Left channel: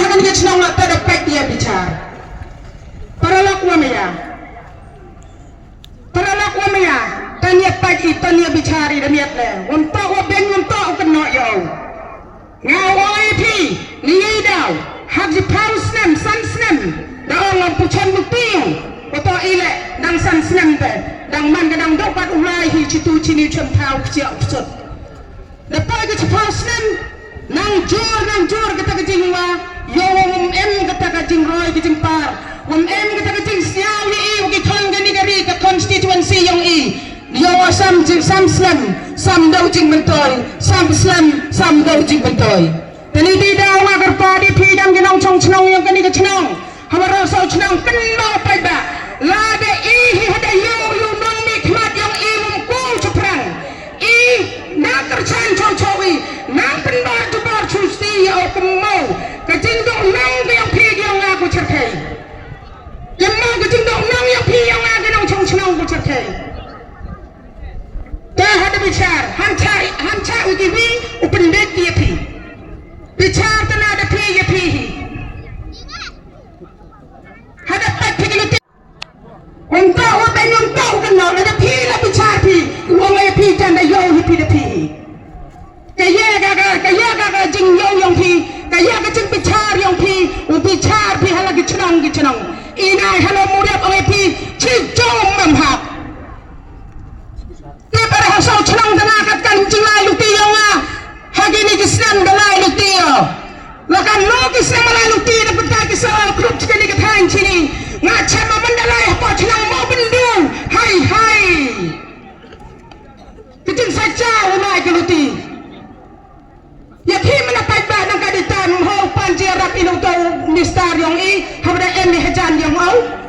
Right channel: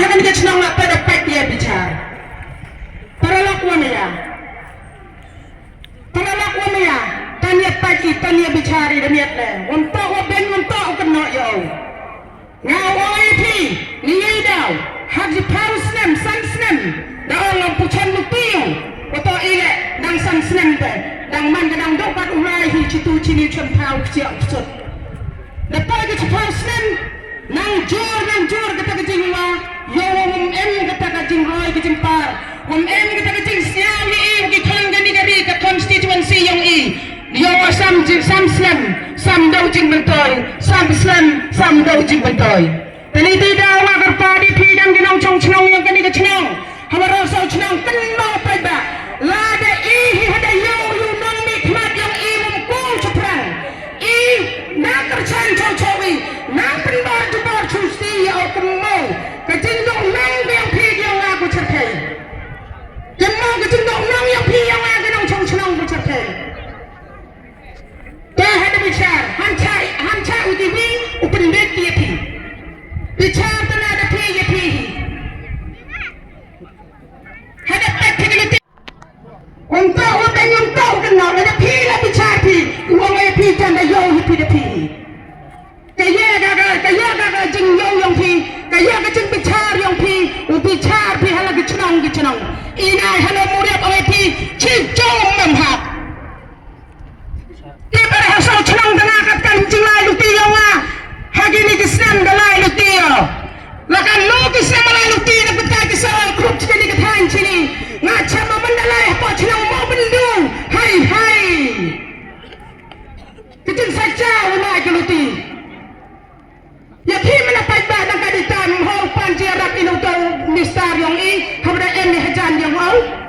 hakan dia senang nak pada pek dia bicara. Terlalu kuamnya. Terlalu kuamnya. Tanya pagi, tanya bicara demiat le. Untuk wabeng untuk kena yo. Ngawang api, ni dau. Haji paus nem, san nem. Dalam pucang lupiu. Betul ilek, dang san nem te. Dang man kadang dapat ulai hi citu cini cempau kecil kecil. Lepas kita paus nem, nang jor kita kejingwa. Yo em kita kejing roy kejing par. Em kita kejing siau ni bagi thon gani gari ke constituency yang i. Yo sam sam dau jing bentoy, sam dau jing bentoy. Tadi tidak agar padi pidang ginang chong chnang yang kani ke chnang. Hamara sau chnang kenno pada. Lada ihi hada yo nang nikmat yang i mungkung ceprang. I nak terchan chowi, nak penbar jebar chusti yo kemau. Kejing dong nang yang pi yang aku cerkai. Jemau kejing dong nang yang pi yang aku ginang chong chnang aku cerkai. Dah ada bicara, hancai UTV, open bed dia pi. Bicara tanah ada pi dia pi. Ada pek pi. Untuk kena ada pi lah bicara pi. Uang ada pi jangan yo pi dia pi. Kaya gaga jing yo yang pi, kaya gaga jing bicara yang pi, bicara pi halah gicenang. Ina halah murid oleh pi, cijom mamhak. Asal cenang dengarkan jelai lutio lah. Hari ni kesenang jelai lutio. Lakan logis yang jelai lutio dapat tak kesal grup sekali ketahan sini. Ngacam mendalai apa cenang mau bendung. Hai. Kecil saja ulai ke luti. Ya pi menapai dah nak kaditan hau panjiarap inuto nistar yang i. Habda emi hajan yang mau.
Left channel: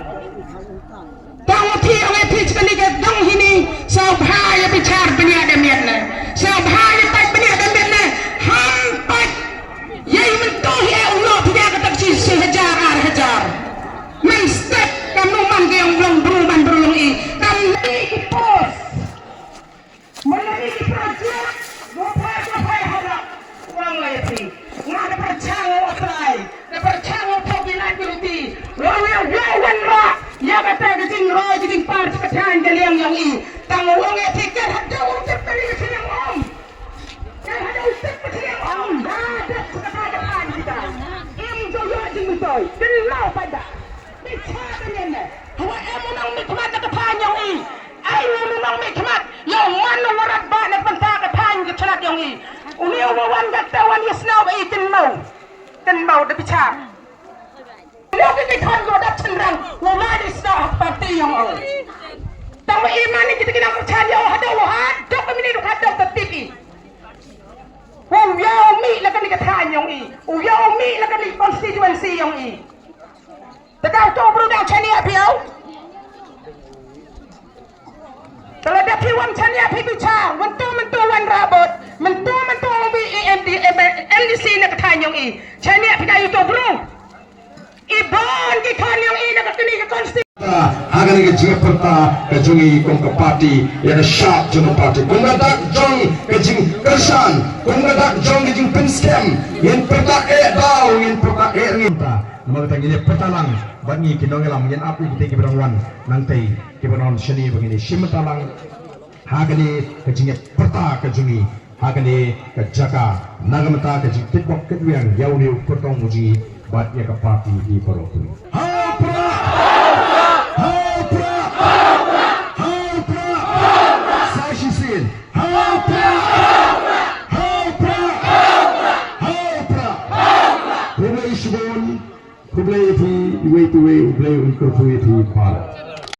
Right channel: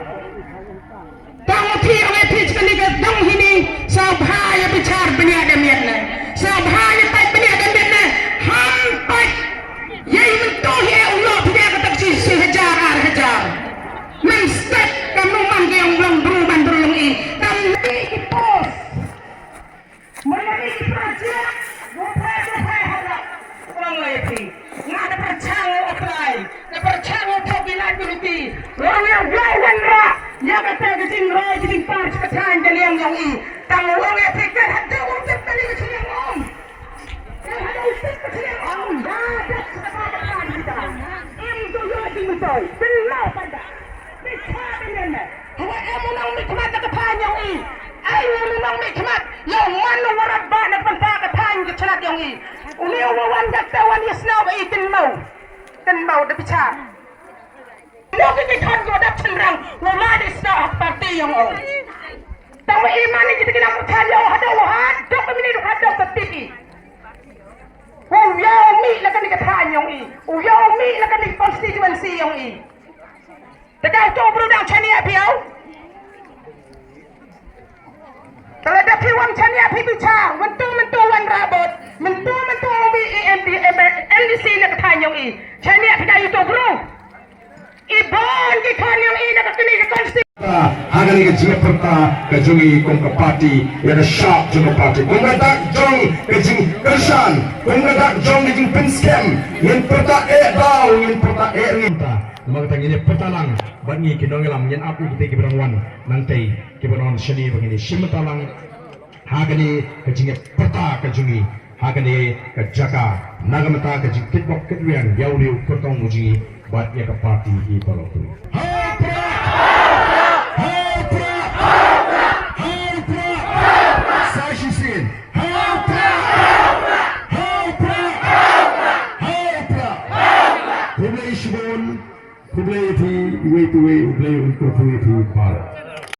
Tahu pi oleh pi sekali kedang ini. Sabhaya bicara beniada mianna. Sabhaya tak beniada mianna. Hampat. Yang mentuh ya Allah punya kata kecil sehajar. Mestap kamu mangga yang belum berubah i. Kamu ikut. Melalui projek. Bukan harap. Orang lagi. Nggak ada percaya apply. Percaya panggilan berhenti. Lawan rak. Ya kata kecil roy kecil par sepatan jeliang yang i. Kalau orang yang fikir ada untuk kali kesenang om. Kalau ada untuk kesenang om. Ada kepada kita. Ini tu yang jing betul. Belah pada. Bicara dengan. Hawa emunang nikmat kepan yang i. Ayo emunang nikmat. Yang mana warat ba nak bantah kepan kecenat yang i. Uni awan gatawan yasnau itin mau dah bicara. Lagi kita go dah cenderang. Wamadi sah parti yang i. Tahu iman ini kita percaya ada wahat, dok kami ni ada tertiki. Yaumi lah kami katakan yang ini, yaumi lah kami konstituensi yang ini. Tegak tu berudang cani api au. Kalau dia piwan cani api bicara, mentu wan rabot, mentu LDC nak katakan yang ini. Cani api dah itu bro. Iban kita yang ini nak kini konstituensi. Hagan ini juga perta kejungi kong parti yang syak jumpa parti. Kong ada jong kejing kersan, kong ada jong kejing pinskem. Yang perta dau, yang perta rinta. Maka ini pertalang bagi kinong ilam yang api kita kiberangwan nanti kiberang seni begini. Simtalang hagan ini kejing perta kejungi, hagan ini kejaka nagamata kejing kitbok kedrian jauh ni pertong muji buat ia ke parti di Palopun. Play it, wait, play it,